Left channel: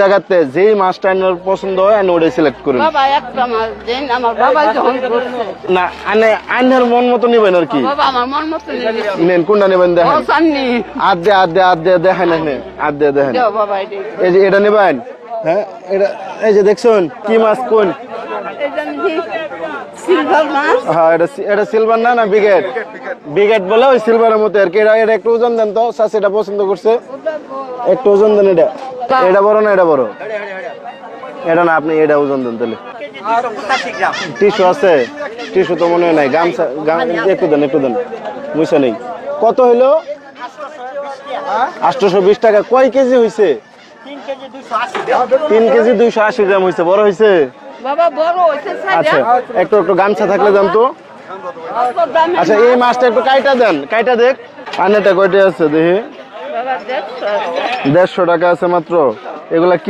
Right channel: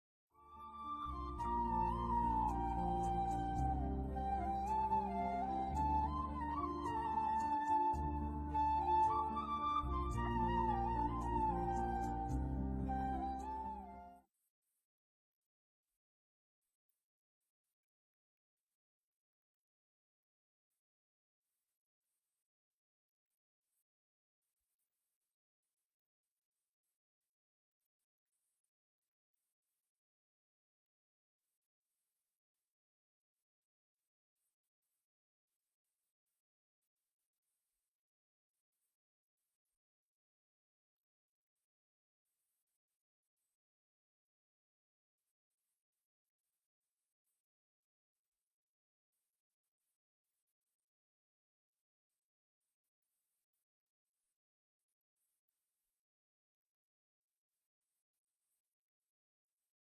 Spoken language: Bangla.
জায়গাতে যেই মাছটা আপনার পছন্দ হয় আপনি ওটাই সিলেক্ট করুন। বাবা একটা মাছ দেন, আমার বাবা যখন করছে। না আইনের মন মতো নিবেন আর কি। বাবা আমার মন মতো নিবে। নেন কোনটা নেবেন দেখেন। ও সান্নি। আদ দে দেখেন এখানে আদ দে দেখেন। দাও বাবা এটা। এই যে এটা নেবেন। হ্যাঁ এটা এই যে দেখছেন কি মাছ কোন? এটা কি সিলভার মাছ? হ্যাঁ এটা সিলভার না বিগেট। বিগেট বলে ওই সিলভারের মতো আর কি। এটা একটু ওজন দেন তো, চাচি এটা পছন্দ করছে। একটু ওজন দেন এটা। এটা বড় না এটা বড়? এটা না, আপনি এটা ওজন দেন তাহলে। টিস্যু আছে? টিস্যু তো মনে হয় নাই। গামছা একটু দেন মুছা নেই। কত হইলো? 820 টাকা। কয় কেজি হইছে? 3 কেজি 280 গ্রাম হইছে। বড় হইছে? বাবা বড় হইছে আচ্ছা একটু গামছা থাকলে দেন তো। আচ্ছা এই মাছটা একটু কাইটা দেন, কাইটা দেখ। আনেটা কয়টা আছে দেখি? বাবা 150 150 টাকা আছে মাত্র। এগুলা কি